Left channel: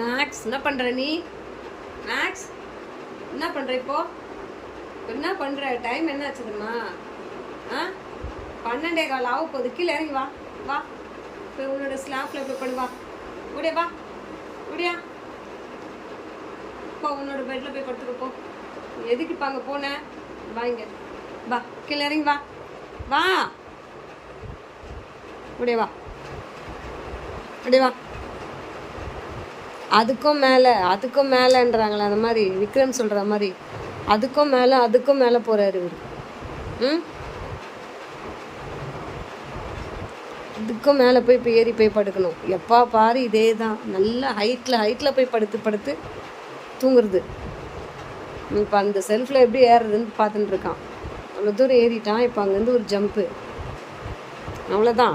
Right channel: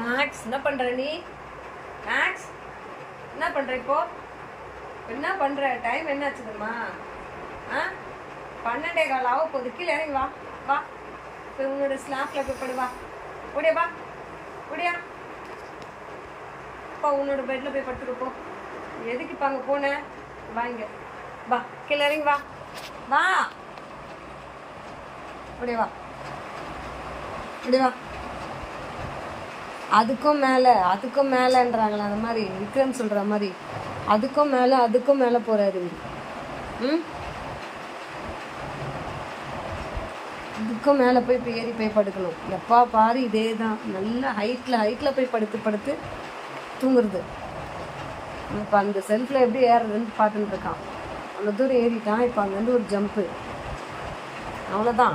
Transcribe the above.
Maths என்ன பண்ணுற நீ? மேக்ஸ் என்ன பண்ணுற இப்போ? என்ன பண்ணுற? டைம் என்ன ஆச்சுதும்மா? 12:15 ஆக போகுது. கீழே இறங்கி வா வா, போய் உன்னோட ஸ்லாப்பில் போய் படு. வா ஓடியா, வா ஓடியா, போ உன்னோட பெட்டில் போய் படுத்துக்க போ. எதுக்கு இப்போ அங்கே போனேன்? வா இங்கே வா, கீழே இறங்கி வா வா, ஓடியா வா ஓடியா வா. அதுக்கும் மேலேன்றாங்களே, அந்த மாதிரி விக்ரம் சொல்கிற மாதிரி அதுக்கும் மேலே போகிறாரு இவர். இதுக்கும் மேலே போய் இப்போ ஏறி போய் படுக்கணும். எப்போ பாரு இதே தான், நல்ல ஹைட்டில் போய் படுத்து தூங்குறது. இப்போ அந்த செல்ஃபில் எப்படி ஏறுறதுன்னு பார்த்துட்டு இருக்கான். அவ்வளோ தூரம் ஏறிட்டான். இப்போ அங்கேருந்து ஒரு ஜம்ப்பு, அவ்வளோதான்.